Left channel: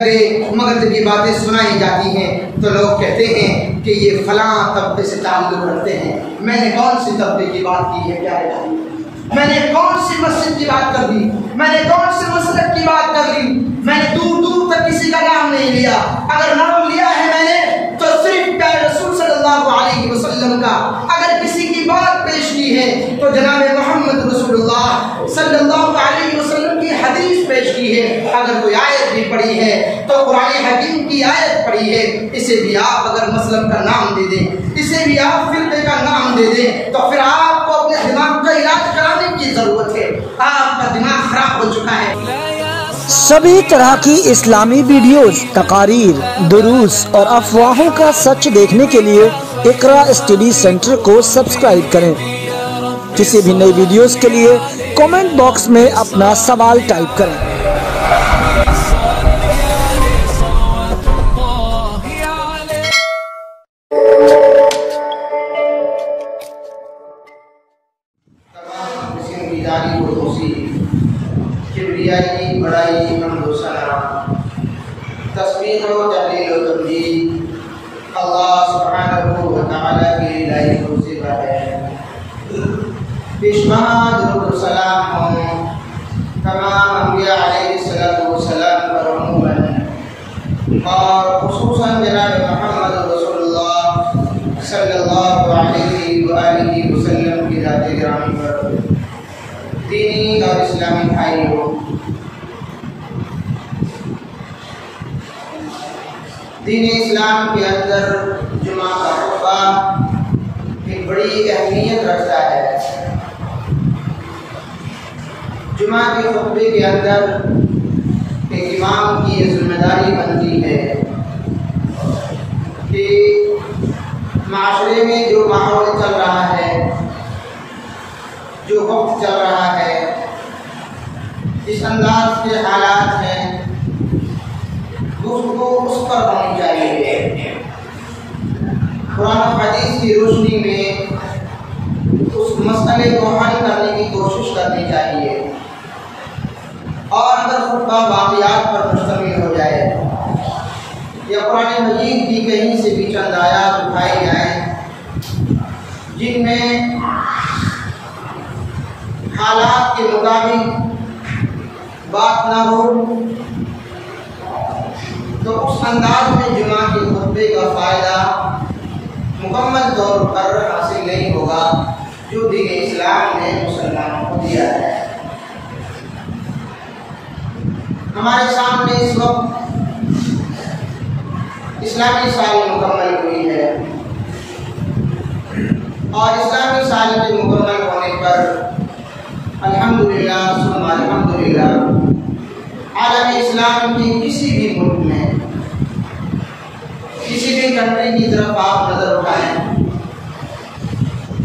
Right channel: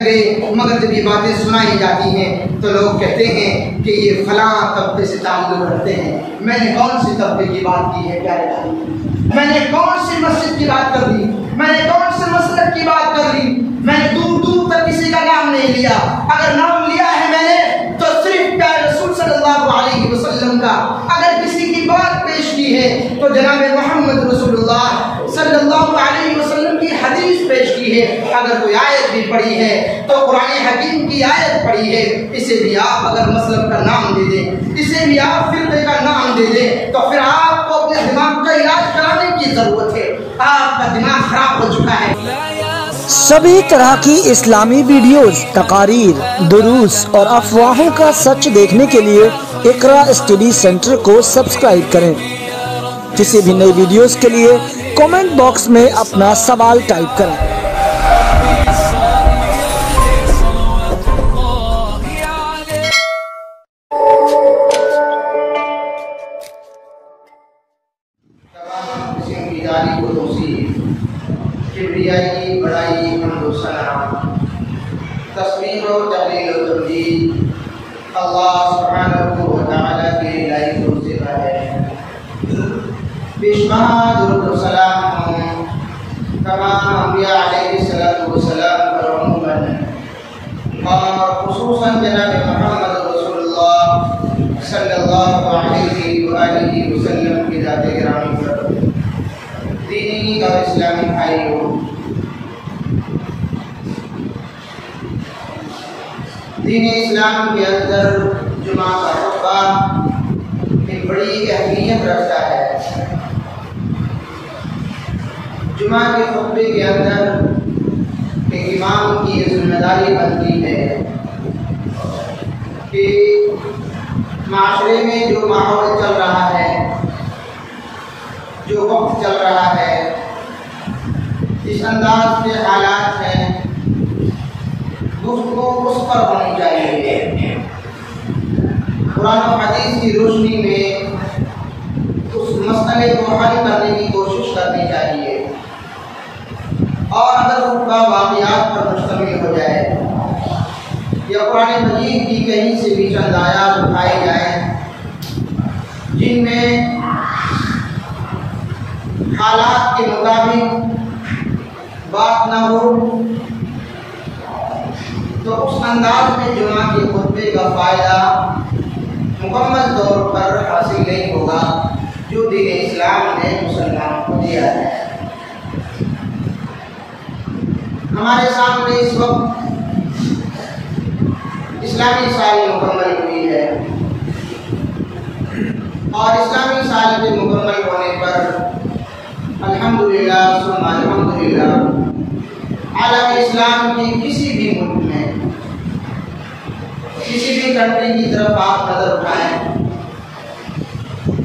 مگر جب یہ باتیں سنائی جاتی ہیں تو لوگ کہتے ہیں کہ یہ فلاں طبقے سے تعلق رکھتے ہیں۔ میں نے کون سی طبقے کی بات کی ہے؟ کیا ہے؟ میں نے کون سی مسجد کی بات کر دی؟ میں نے کون سے مسلک کی بات کر دی؟ میں نے دور دور تک کسی کا نام نہیں لیا۔ اگر نام لیا ہے میں نے تو صرف پیارے رسول صلی اللہ علیہ وسلم کا۔ اگر کسی کی بات پیش کی ہے تو جناب محمد رسول اللہ صلی اللہ علیہ وسلم کی حدیث پیش کی ہے۔ اگر کوئی آیت بھی پڑھی ہے تو قرآن حکیم کی آیت پڑھی ہے، اسے بھی آپ اگر مسلم کا نام دے دیں، اسے بھی آپ فرقے کا نام دے دیں، تو پھر آپ کو اپنے دماغ کا علاج کرانے کی ضرورت ہے۔ آپ کا دماغ خراب ہو چکا ہے۔ سبھی طرح کی اسلامی ویڈیوز، تقاریر، دروس اور افواہوں کا سچ دیکھنے کے لیے اقرا اسٹڈی سینٹر کو سبسکرائب کریں۔ کسی بھی نئی ویڈیوز کے لیے کامنٹ باکس میں اپنا سوال ٹائپ کریں۔ کبریائی، بڑائی، حمد و ثنا، تسبیح و تحلیل و تمجید اللہ سبحانہ و تعالیٰ کی الہی منصبہ ہے۔ بیشمہ درود و سلام ہوں تمام انبیاء علیہ السلام پر عموماً اور خصوصاً جناب محمد رسول اللہ صلی اللہ علیہ وآلہ وسلم کی ذات گرامی پر۔ دینی اور اسلامی بھائیوں، دین اسلام کے اندر جمعہ کا خطبہ ایک بڑی اہمیت رکھتا ہے۔ جمعہ کے خطبے کے اندر ایک امام کی ذمہ داری بنتی ہے کہ معاشرے میں جو ماحول چل رہا ہے، جو وقت چل رہا ہے، اس انداز کے حالات ہیں، گفتگو اس پر ہونی چاہیے۔ قرآن و حدیث کی روشنی میں اس مسئلے کو حل کرنے کی کوشش کرنی چاہیے، اور اگر خطبہ واقعات پر مشتمل ہو جائے یا قرآن مجید کی کہیں سے بھی چند آیات اٹھائی جائیں جن میں حالات کے مطابق بات نہ ہو، تو اس انداز میں جمعہ کے خطبے کا فائدہ مکمل طور پر حاصل نہیں ہوگا جو دین اسلام نے مسلمانوں کو دیا ہے۔ ہمارے سامنے اس وقت اسلامی سال مکمل ہوئی ہے، اور اسلامی سال کے مکمل ہونے پر الحمدللہ ثم الحمدللہ عالم اسلام کی کسی بھی ملک میں، کسی بھی کنٹری کی طرف آپ نظر اٹھائیں،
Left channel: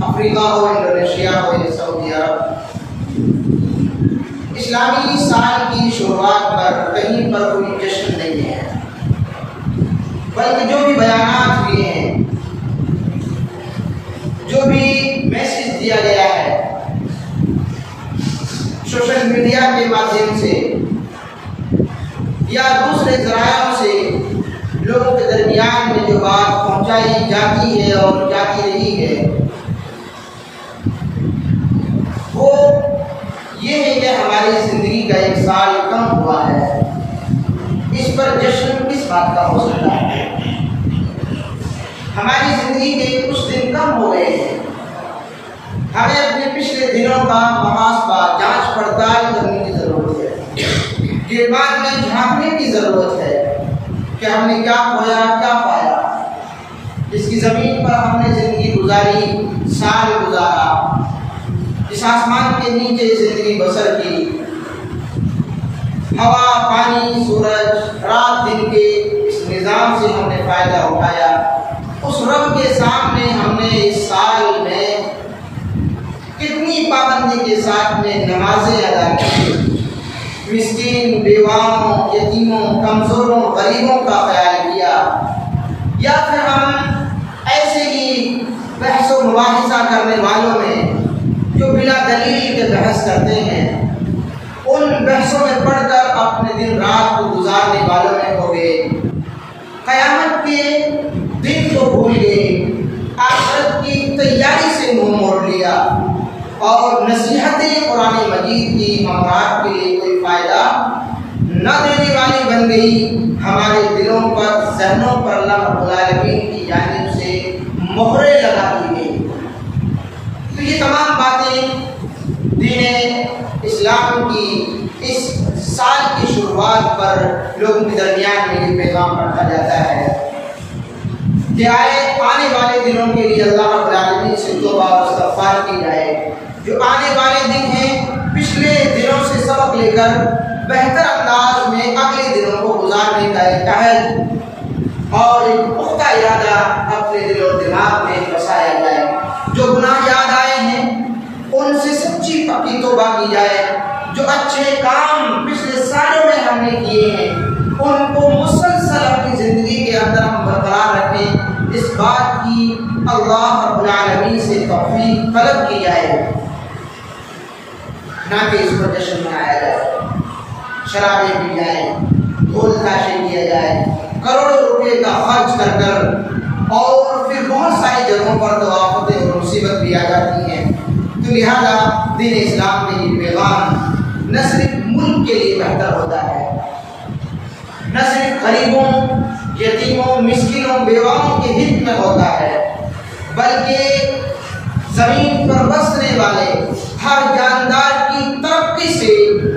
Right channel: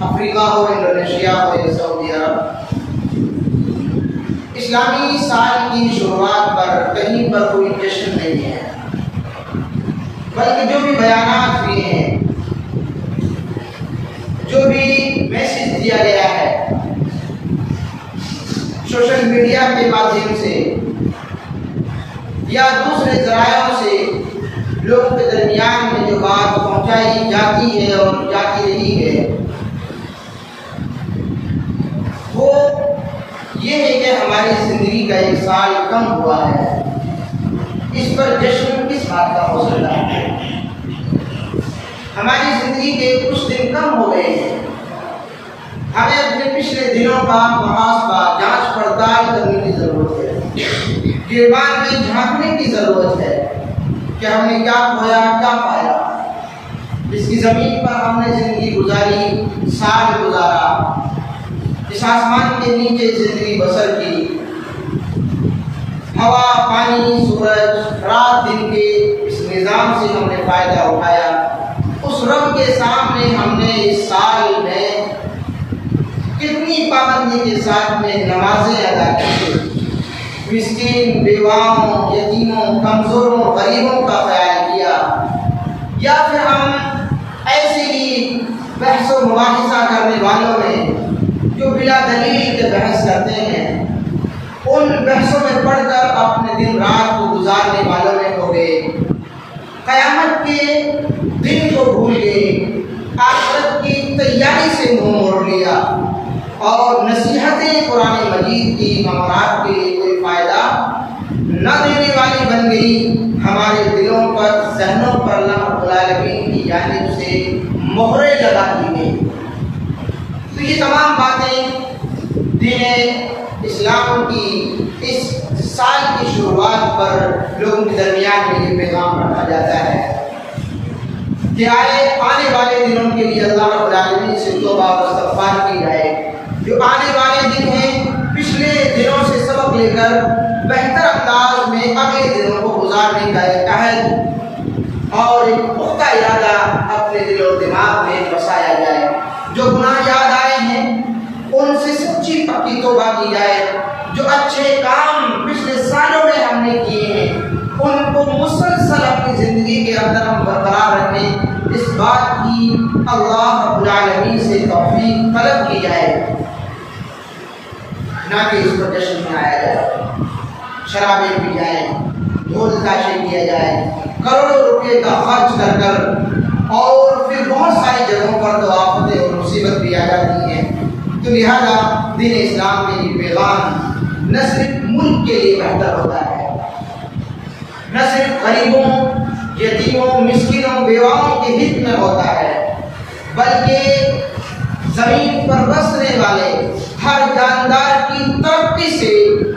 افریقہ ہو، انڈونیشیا ہو یا سعودی عرب، اسلامی سال کی شروعات پر کہیں پر کوئی جشن نہیں ہے، بلکہ جو بھی بیانات ہوئے ہیں، جو بھی میسج دیا گیا ہے سوشل میڈیا کے مادھیم سے یا دوسرے ذرائعوں سے لوگوں کے درمیان میں جو بات پہنچائی جاتی ہے اور جاتی رہی ہے، وہ یہ ہے کہ ہماری زندگی کا ایک سال کم ہوا ہے۔ اس پر جشن کس بات کا ہو سکتا ہے؟ ہماری زندگی کے کچھ دن کم ہو گئے ہیں، ہمیں اپنے پچھلے دنوں کا محاسبہ، جانچ پڑتال کرنے کی ضرورت ہے، گریبان میں جھانکنے کی ضرورت ہے کہ ہم نے کیا کھویا، کیا پایا، اس کی زمین پر ہم نے زندگی گزاری، سال گزارا، اس آسمان کے نیچے زندگی بسر کی، ہوا، پانی، سورج، رات دن کے اس نظام سے ہم نے فائدہ اٹھایا۔ اس رب کے سامنے ہم نے اس سال میں کتنی پابندی کے ساتھ میں نمازیں ادا کی، مسکین، بیواؤں، یتیموں، کمزوروں، غریبوں کا خیال کیا، یا پھر ہم ایسے ہی بحث و مباحثہ کرنے والوں میں جو بلا دلیل کے بحث کرتے ہیں، ان بحثوں میں پڑھ کر اپنے دن رات کو گزارنے والوں میں قیامت کے دن کو بھول گئے، آخرت کی تیاری سے منہ موڑ لیا اور نصیحتیں قرآن مجید کی ہمارا کے لیے کوئی فائدہ نہ دینے والی بن گئی، ہمارے دلوں پر، ذہنوں پر اللہ رب العالمین کی جانب سے مہریں لگا دی گئی۔ تو یہ تمام باتیں دین اسلام کی اس سال کی شروعات پر لوگوں کے درمیان میں یہ پیغام رکھا جاتا ہے کہ آنے والے دنوں کے لیے اللہ رب العالمین سے توبہ اور استغفار کی جائے۔ جو آنے والے دن ہیں، پچھلے دنوں سے سبق لے کر بہتر انداز میں اگلے دنوں کو گزارنے کا ایک عہد اور ایک پختہ ارادہ اپنے دل و دماغ میں بسایا جائے۔ جو گناہ یاد آئے ہیں ان سے سچی پکی توبہ کی جائے۔ جو اچھے کام پچھلے سالوں میں ہم نے کیے ہیں ان کو مسلسل اپنی زندگی کے اندر ہم برقرار رکھیں، اس بات کی اللہ رب العالمین سے توفیق طلب کی جائے، نہ کہ اس پر جشن منایا جائے، شرابیں پی جائیں، ڈھول تاشے کیا جائے، کروڑوں روپے کا خرچ کر کر، اور پھر بہت ساری جگہوں پر تو آفتیں اور مصیبت بھی آ جاتی ہیں۔ تو لہذا دین اسلام میں یہ پیغام نہ صرف ملک کے لیے بہتر ہوتا ہے، نہ صرف غریبوں، یتیموں، مسکینوں، بیواؤں کے ہت میں ہوتا ہے، بلکہ زمین پر بسنے والے ہر جاندار کی ترقی سے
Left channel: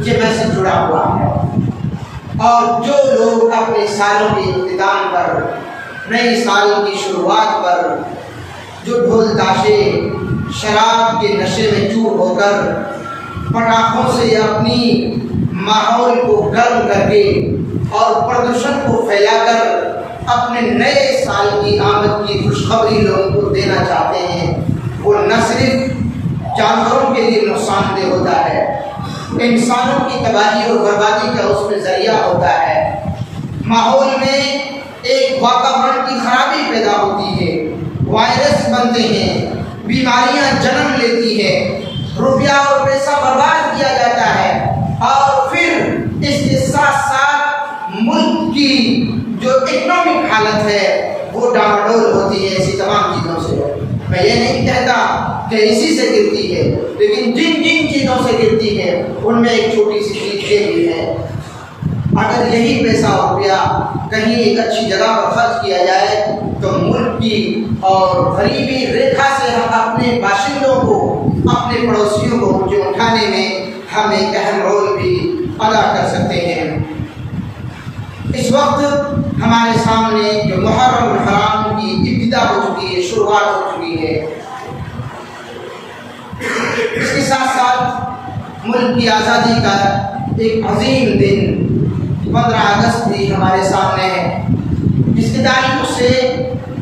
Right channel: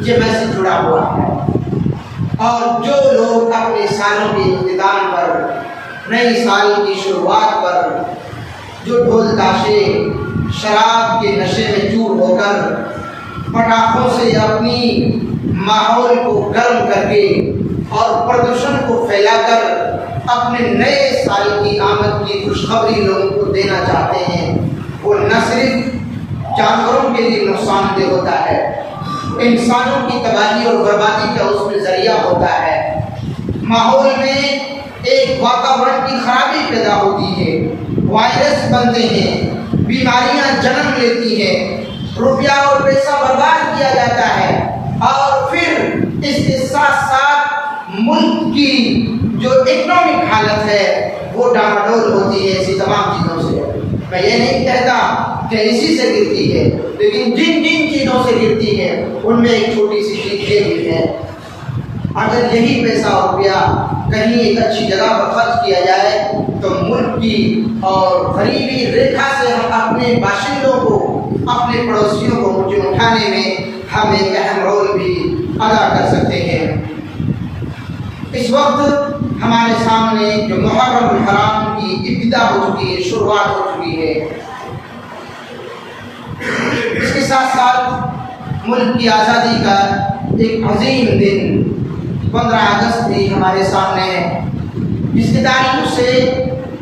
یہ میسج جڑا ہوا ہے۔ اور جو لوگ اپنے سالوں کے اختتام پر، نئے سال کی شروعات پر جو ڈھول تاشے، شراب کے نشے میں چور ہو کر، پٹاخوں سے اپنی ماحول کو گرم کر کے اور پردوشن کو پھیلا کر اپنے نئے سال کی آمد کی خوشخبری لوگوں کو دینا چاہتے ہیں، وہ نہ صرف جانوروں کے لیے نقصان دہ ہوتا ہے، انسانوں کی تباہی اور بربادی کا اس میں ذریعہ ہوتا ہے۔ ماحول میں ایک واتاورن کی خرابی پیدا ہوتی ہے، وائرس بنتے ہیں، بیماریاں جنم لیتی ہیں، روپیہ اور پیسہ برباد کیا جاتا ہے، اور پھر اس کے ساتھ ساتھ ملک کی جو اکنامک حالت ہے وہ ڈاواڈول ہوتی ہے اسی تمام چیزوں سے۔ میں یہ نہیں کہتا کہ اسی سے گرتی ہے، لیکن جن جن چیزوں سے گرتی ہے ان میں ایک چھوٹی سی چیز یہ بھی ہے، اگر یہی پیسہ اور روپیہ کہیں ایک اچھی جگہ پر خرچ کیا جائے تو ملک کی اور غریبی ریکھا سے ہم اپنے باشندوں کو، اپنے پڑوسیوں کو اونچے اٹھانے میں ہم ایک اہم رول بھی ادا کر سکتے ہیں۔ اس وقت ہمارے سامنے جو محرم-الحرام کی ابتدا ہو چکی ہے، شروعات ہو چکی ہے، اس کے ساتھ ساتھ ملک کی آزادی کا ایک عظیم دن 15 اگست بھی ہمارے سامنے ہے، جس کی تاریخ سے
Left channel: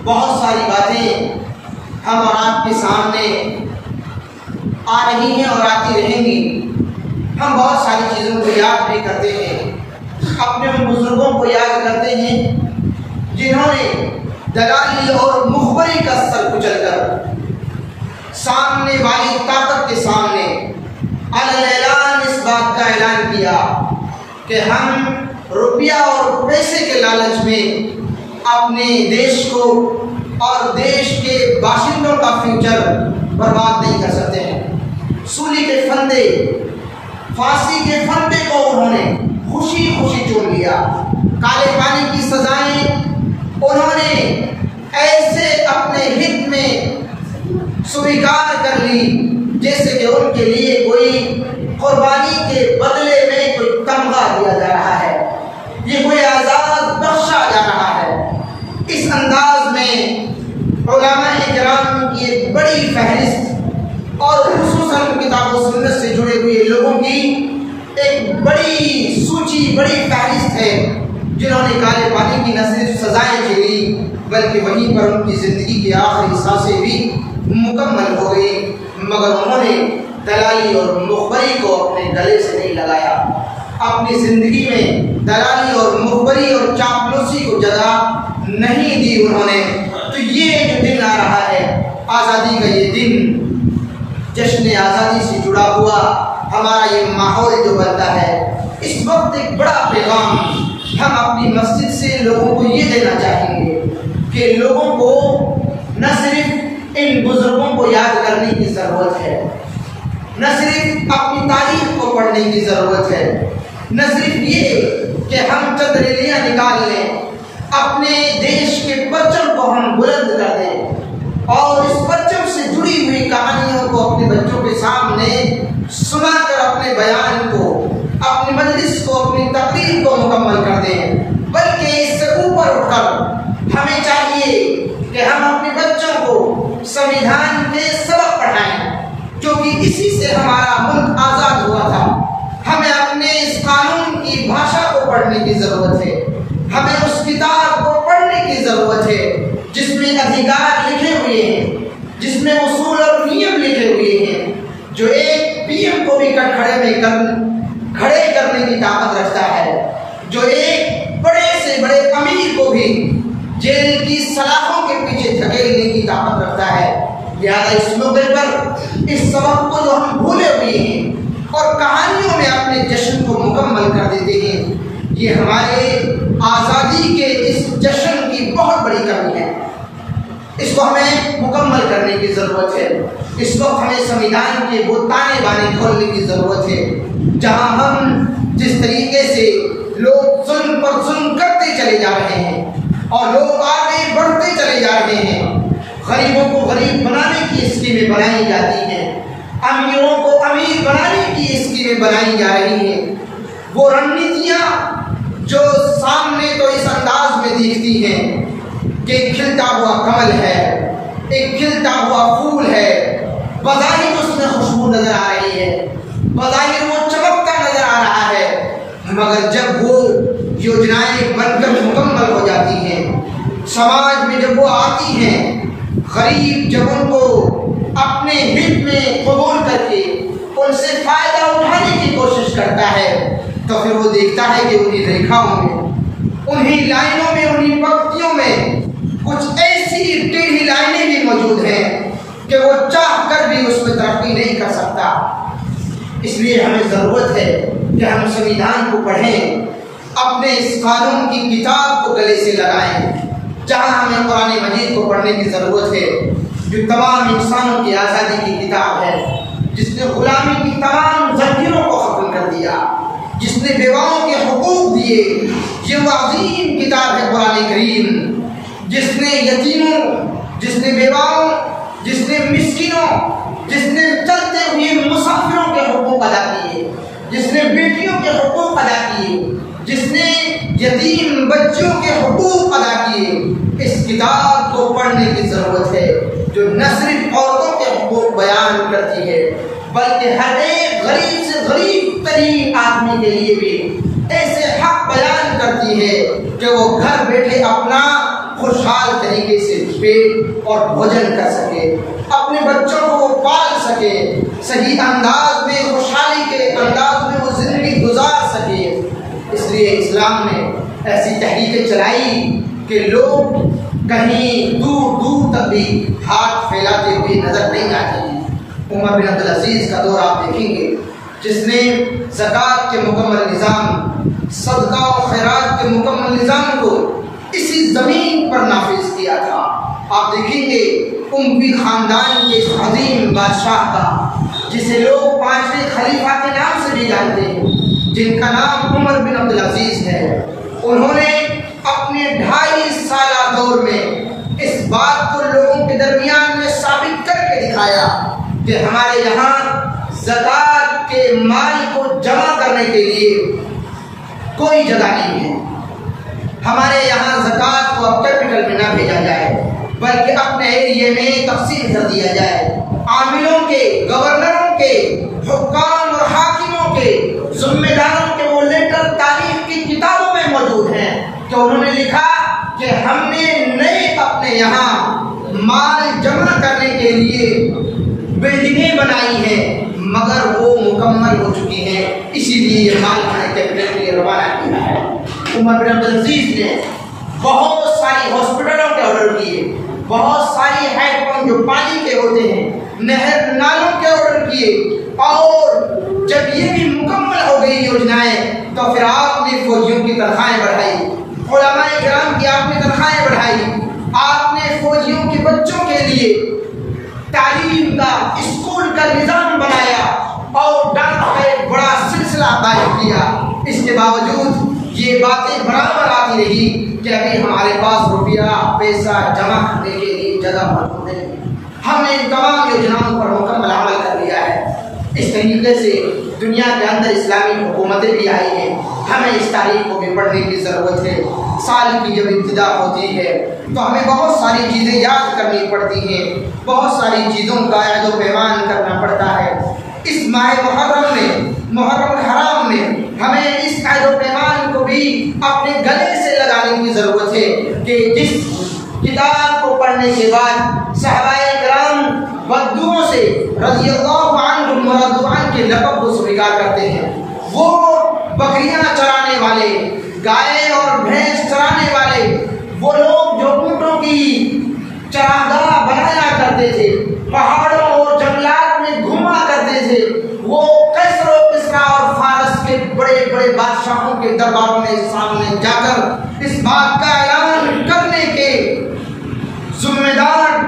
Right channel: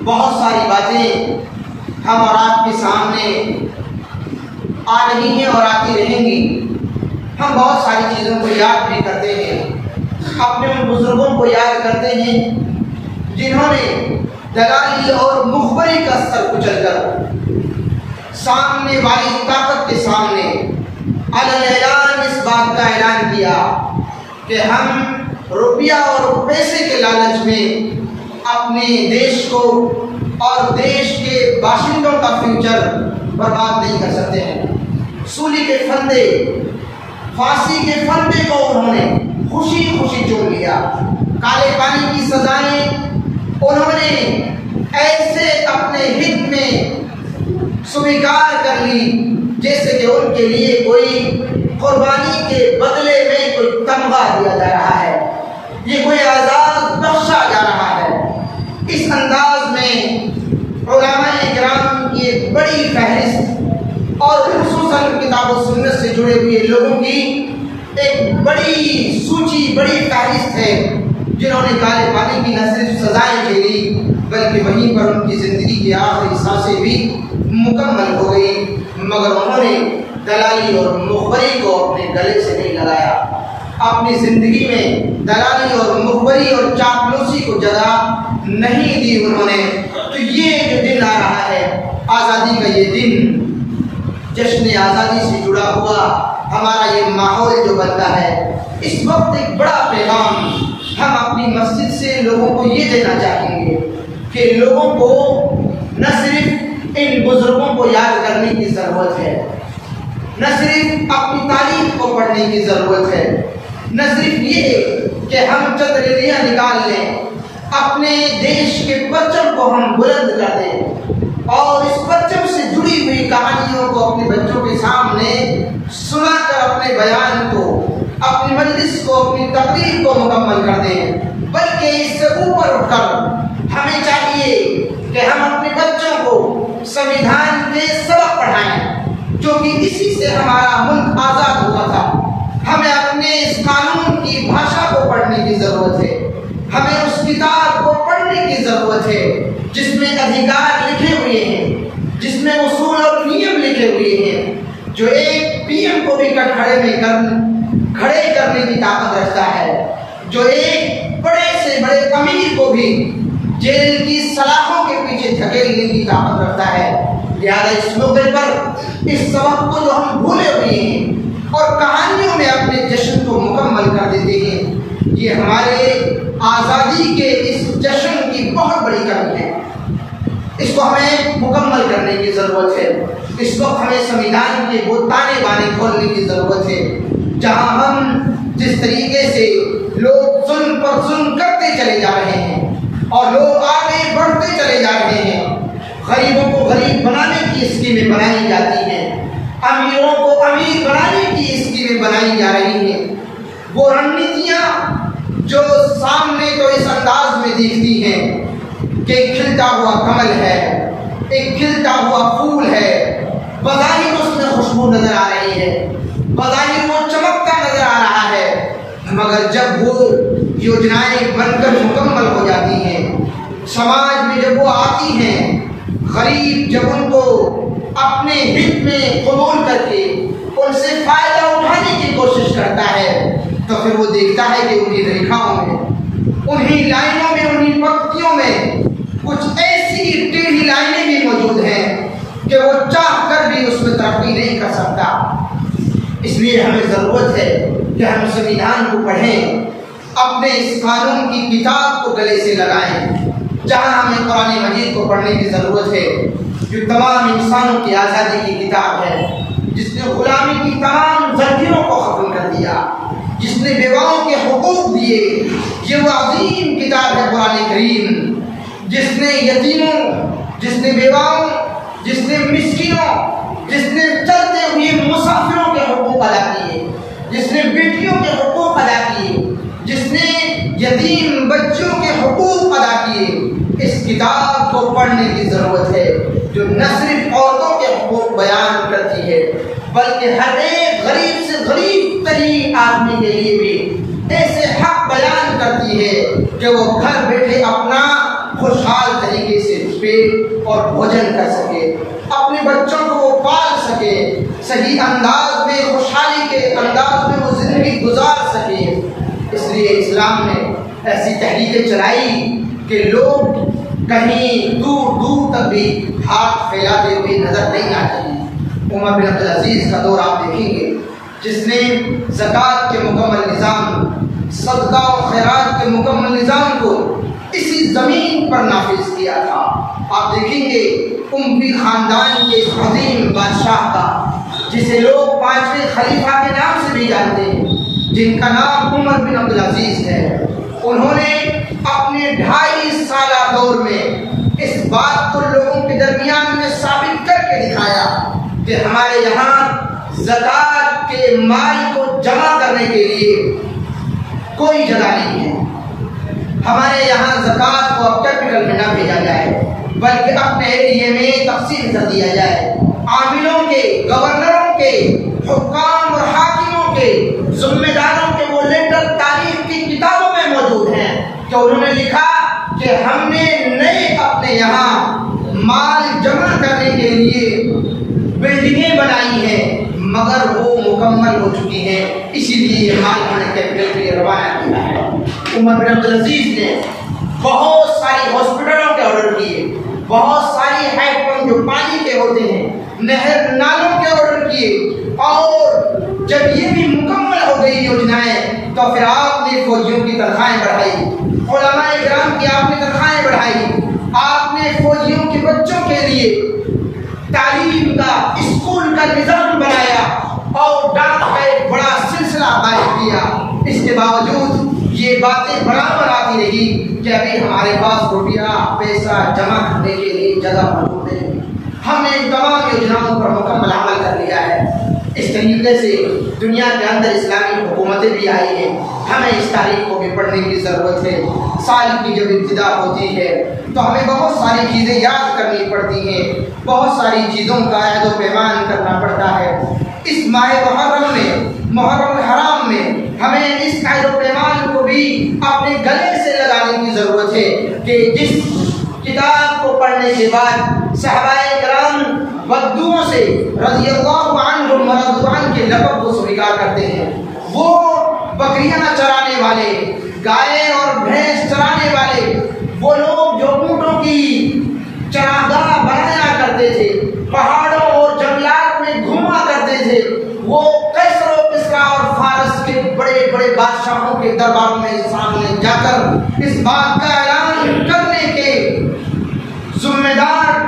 بہت ساری باتیں ہم اور آپ کے سامنے آ رہی ہیں اور آتی رہیں گی۔ ہم بہت ساری چیزوں کو یاد بھی کرتے ہیں، اپنے ان بزرگوں کو یاد کرتے ہیں جنہوں نے دلالی اور مخبری کا سر کچل کر سامنے والی طاقت کے سامنے اعلان اس بات کا اعلان کیا کہ ہم روپیہ اور پیسے کے لالچ میں اپنے دیش کو اور دیش کے باشندوں کا فیوچر برباد نہیں کر سکتے ہیں۔ سولی کے پھندے، پھانسی کے پھندے کو انہوں نے خوشی خوشی چن لیا، کالے پانی کی سزائیں انہوں نے ایسے اپنے ہت میں سویکار کر لی جیسے کہ ان کے لیے کوئی قربانی کے بدلے میں کوئی تمغہ دیا جا رہا ہے، یہ کوئی اعزاز بخشا جا رہا ہے۔ اس انداز میں علماء اکرام کی ایک بڑی فہرست اور خصوصاً کتاب و سنت سے جڑے ہوئے لوگوں کی ایک بڑی سوچی، بڑی فہرست ہے، جنہوں نے کالے پانی کی نہ صرف سزائیں جھیلی بلکہ وہیں پر ان کی زندگی کی آخری سانسیں بھی مکمل ہو گئی، مگر انہوں نے دلالی اور مخبری کو اپنے گلے سے نہیں لگایا، اپنی زندگی میں دلالی اور مخبری اور چاپلوسی کو جگہ نہیں دی انہوں نے۔ تو یہ جو دن آ رہا ہے، آزادی کا یہ دن، جشن آزادی سے جڑا ہوا ہمارا یہ ماحول جو بنتا ہے، اس وقت ایک بڑا پیغام ہم اپنی مسجد سے لوگوں کو یہ دینا چاہیں گے کہ لوگوں کو نہ صرف ان بزرگوں کو یاد کرنے کی ضرورت ہے، نہ صرف اپنی تاریخ کو پڑھنے کی ضرورت ہے، نہ صرف یہ کہ ہم چند ریلیاں نکال لیں، اپنے دیش کے پرچم کو ہم بلند کر دیں اور اس پرچم سے جڑی ہوئی کہانیوں کو اپنے بچوں کے سامنے سنا کر اپنے بیان کو، اپنی مجلس کو، اپنی تقریر کو مکمل کر دیں، بلکہ اس سے اوپر اٹھ کر ہمیں چاہیے کہ ہم اپنے بچوں کو سنویدھان کے سبق پڑھائیں، کیونکہ اسی سے ہمارا ملک آزاد ہوا تھا۔ ہمیں اپنے اس قانون کی بھاشا کو پڑھنے کی ضرورت ہے، ہمیں اس کتاب کو پڑھنے کی ضرورت ہے جس میں ادھیکار لکھے ہوئے ہیں، جس میں اصول اور نیم لکھے ہوئے ہیں، جو ایک پی ایم کو بھی کھڑے کرنے کی طاقت رکھتا ہے، جو ایک بڑے سے بڑے امیر کو بھی جیل کی سلاخوں کے پیچھے دھکیلنے کی طاقت رکھتا ہے۔ لہذا اس موقع پر اس سبق کو جو ہم بھولے ہوئے ہیں اور کہانیوں میں اپنے جشن کو مکمل کر دیتے ہیں، یہ ہمارے آزادی کے اس جشن کی بہت بڑی کمی ہے۔ اس کو ہمیں مکمل کرنے کی ضرورت ہے۔ اس وقت ہمیں سنویدھان کے وہ تانے بانے کھولنے کی ضرورت ہے جہاں ہم جس طریقے سے لوگ ظلم پر ظلم کرتے چلے جا رہے ہیں اور لوگ آگے بڑھتے چلے جا رہے ہیں، غریبوں کو غریب بنانے کی اسکیمیں بنائی جاتی ہیں، امیروں کو امیر بنانے کی اسکیمیں بنائی جا رہی ہیں، وہ رننیتیاں جو سامنے تو اس انداز میں دیکھتی ہیں کہ ایک کھلتا ہوا کمل ہے، ایک کھلتا ہوا پھول ہے، بظاہر اس میں خوشبو نظر آ رہی ہے، بظاہر وہ چمکتا نظر آ رہا ہے، مگر جب وہ یوجنائیں بن کر مکمل ہو جاتی ہیں، سماج میں جب وہ آتی ہیں، غریب جب ان کو اپنے ہت میں قبول کر کے ان سے فائدہ اٹھانے کی کوشش کرتا ہے، تو پھر وہ دیکھتا ہے کہ انہی ریکھاؤں میں، انہی لائنوں میں، انہی پنکتیوں میں کچھ ایسی ٹیڑھی لائنیں بھی موجود ہیں کہ وہ چاہ کر بھی اس میں ترقی نہیں کر سکتا۔ اس لیے ہمیں ضرورت ہے کہ ہم سنویدھان کو پڑھیں، اپنے اس قانون کی کتاب کو گلے سے لگائیں، جہاں ہمیں قرآن مجید کو پڑھنے کی ضرورت ہے جو تمام انسانوں کی آزادی کی کتاب ہے، جس نے غلامی کی تمام زنجیروں کو ختم کر دیا، جس نے بیواؤں کے حقوق دیے۔ یہ وہ عظیم کتاب ہے قرآن کریم، جس نے یتیموں، جس نے بیواؤں، جس نے مسکینوں، جس نے چلتے ہوئے مسافروں کے حقوق ادا کیے، جس نے بیٹیوں کے حقوق ادا کیے، جس نے یتیم بچوں کے حقوق ادا کیے۔ اس کتاب کو پڑھنے کی ضرورت ہے جو نہ صرف عورتوں کے حقوق بیان کرتی ہے بلکہ ہر ایک غریب سے غریب ترین آدمی کے لیے بھی ایسے حق بیان کرتی ہے کہ وہ گھر بیٹھے اپنا خوشحال طریقے سے پیٹ اور بھوجن کر سکے، اپنے بچوں کو وہ پال سکے، صحیح انداز میں، خوشحالی کے انداز میں وہ زندگی گزار سکے۔ اس لیے اسلام نے ایسی تحریکیں چلائی کہ لوگ کہیں دور دور تک بھی ہاتھ پھیلاتے ہوئے نظر نہیں آتے ہیں۔ عمر بن عبدالعزیز کا دور آپ دیکھیں گے جس نے زکوٰۃ کے مکمل نظام، صدقہ و خیرات کے مکمل نظام کو اسی زمین پر نافذ کیا تھا۔ آپ دیکھیں گے اموی خاندان کے اس عظیم بادشاہ کا جسے لوگ 5ویں خلیفہ کے نام سے بھی جانتے ہیں، جن کا نام عمر بن عبدالعزیز ہے، انہوں نے اپنے 2.5 سالہ دور میں اس بات کو لوگوں کے درمیان میں ثابت کر کے دکھایا کہ ہمارے یہاں زکوٰۃ کے مال کو جمع کرنے کے لیے کوئی جگہ نہیں ہے، ہمارے یہاں زکوٰۃ کو اب کیپٹل میں نہ بھیجا جائے بلکہ اپنے ایریے میں تقسیم کر دیا جائے۔ عاملوں کے، گورنروں کے، حکام اور حاکموں کے، ذمہ داروں کے وہ لیٹر تاریخ کی کتابوں میں موجود ہیں کہ انہوں نے لکھا کہ ہم نے نئے اپنے یہاں مال جمع کرنے کے لیے بلڈنگیں بنائی ہیں مگر وہ مکمل ہو چکی ہیں، اسی لیے یہ مال ہم نے کیپٹل کے لیے روانہ کیا ہے۔ عمر بن عبدالعزیز نے بہت ساری ہاسپٹلوں کے آرڈر کیے، بہت ساری ہیڈ اسٹیڈیم جو پانی کے ہوتے ہیں، نہر نالوں کے آرڈر کیے، اور جب یہ بھی مکمل ہو گئی یوجنائیں تو پھر آپ نے فوجیوں کی تنخواہیں بڑھائی، علماء کرام کی آپ نے تنخواہیں بڑھائی، آپ نے فوجیوں کے بچوں کے لیے تعلیم کا اسکول کا نظام بنایا اور ڈاک کا ایک بڑا سلسلہ قائم کیا۔ اس کے باوجود یہ باتیں برابر آتی رہی کہ ابھی ہمارے پاس روپیہ پیسہ جمع کرنے کے لیے جگہ موجود ہے۔ ہم نے ان تمام یوجناؤں پر مکمل عمل کر لیا ہے۔ اس طریقے سے دنیا کے اندر اسلامی حکومتیں بھی آئی ہیں۔ ہمیں اس تاریخ کو بھی پڑھنے کی ضرورت ہے۔ سال کی جب ابتدا ہوتی ہے تو ہمیں بہت ساری چیزیں یاد کرنی پڑتی ہیں، بہت ساری چیزوں کا عہد و پیمان کرنا پڑتا ہے۔ اس ماہ محرم میں، محرم-الحرام میں ہمیں اس عہد و پیمان کو بھی اپنے گلے سے لگانے کی ضرورت ہے کہ جس کتاب کو پڑھنے کے بعد صحابہ کرام بدوؤں سے رضی اللہ عنہم ورضوا عنہ کے لقب کو سویکار کرتے ہیں، وہ بکریاں چرانے والے، گائے اور بھینس چرانے والے، وہ لوگ جو اونٹوں کی چراگاہ بنایا کرتے تھے، پہاڑوں اور جنگلات میں گھوما کرتے تھے، وہ قیصر و کسریٰ اور فارس کے بڑے بڑے بادشاہوں کے درباروں میں سامنے جا کر اس بات کا اعلان کرنے کے ذمہ دار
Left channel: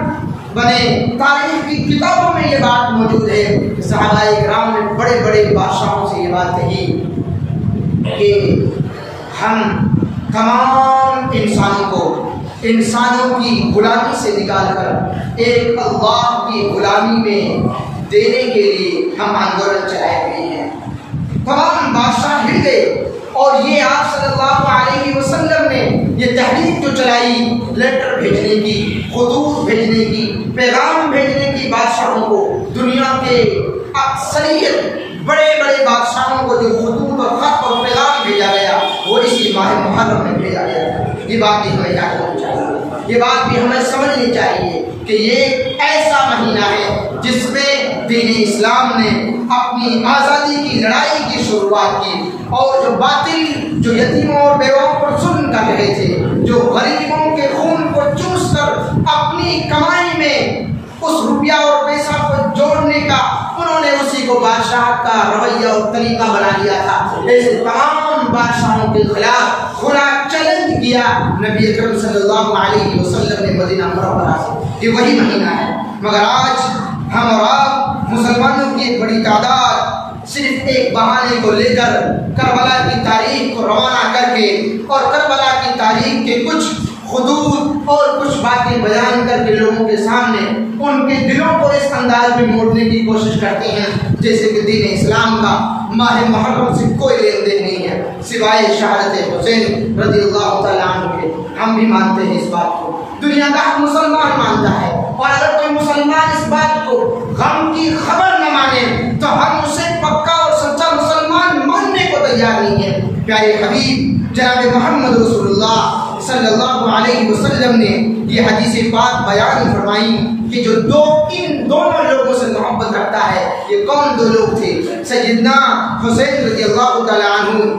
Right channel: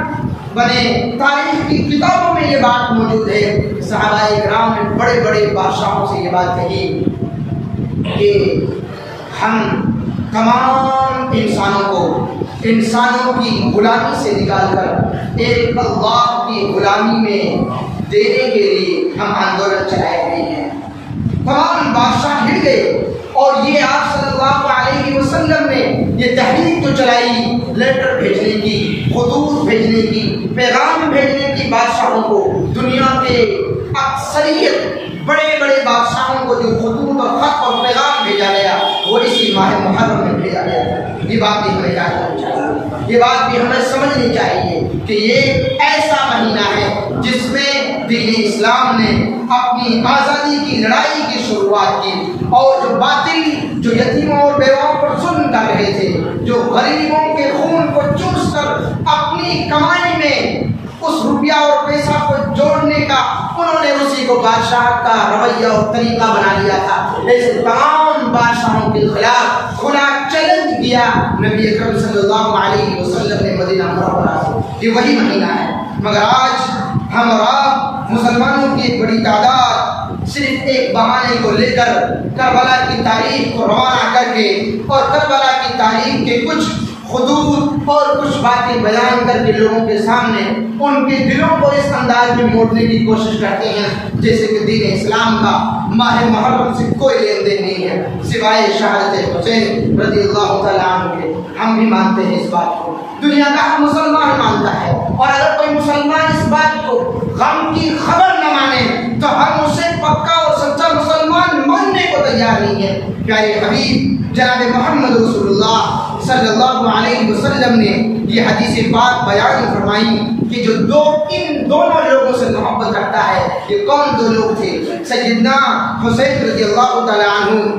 بنے۔ تاریخ کی کتابوں میں یہ بات موجود ہے کہ صحابہ کرام نے بڑے بڑے بادشاہوں سے یہ بات کہی کہ ہم تمام انسانوں کی غلامی سے نکال کر ایک اللہ کی غلامی میں دینے کے لیے ہم آندولن چلائے ہوئے ہیں۔ تمام بادشاہ ہل گئے اور یہ آپ صلی اللہ علیہ وسلم نے یہ تحریک جو چلائی، لیٹر بھیجنے کی، خطوط بھیجنے کی، پیغام بھیجنے کی بادشاہوں کو، دنیا کے اکثریت بڑے بڑے بادشاہوں کو جو خطوط اور خط اور پیغام بھیجا گیا وہ اسی ماہ محرم میں بھیجا گیا تھا۔ یہ بات بھی ہمیں یاد رکھنی چاہیے، یہ بات بھی ہمیں سمجھنی چاہیے کہ یہ ایسا مہینہ ہے جس میں دین اسلام نے اپنی آزادی کی لڑائی کی شروعات کی، اور جو باطل جو یتیموں اور بیواؤں پر ظلم کر رہے تھے، جو غریبوں کے خون کو چوس کر اپنی کمائی میں اس روپیہ اور پیسہ کو جوڑنے کا انہوں نے اسی کو بادشاہت کا رویہ اور طریقہ بنا لیا تھا، ایسے تمام بادشاہوں کے خلاف کھلا چیلنج کیا نبی اکرم صلی اللہ علیہ وسلم نے مدینہ منورہ سے۔ یہ وہی مہینہ ہے، مگر آج ہم اور آپ مسلمانوں کی ایک بڑی تعداد صرف ایک بہانے کو لے کر کربلا کی تاریخ کو روانہ کر کے اور کربلا کی تاریخ کے کچھ خطوط اور کچھ باتیں بیان کر کے لوگوں کے سامنے ان کے دلوں کو اس انداز میں موڑنے کی کوشش کرتے ہیں جیسے کہ دین اسلام کا ماہ محرم سے کوئی لین دین نہیں ہے سوائے شہادت حسین رضی اللہ تعالیٰ عنہ کے۔ ہم بھی مانتے ہیں اس بات کو، دنیا کا ہر مسلمان مانتا ہے، اور اگر کوئی مسلمان اس بات کو غم کی خبر نہ مانے تو ہم اسے پکا اور سچا مسلمان ماننے کو تیار نہیں ہے۔ پیارے حبیب جناب محمد رسول اللہ صلی اللہ علیہ وسلم نے یہ حدیث پاک بیان فرمائی کہ جو ان دونوں لوگوں سے محبت کرتا ہے، یہ کون دو لوگ تھے؟ سیدنا حسین رضی اللہ تعالیٰ عنہ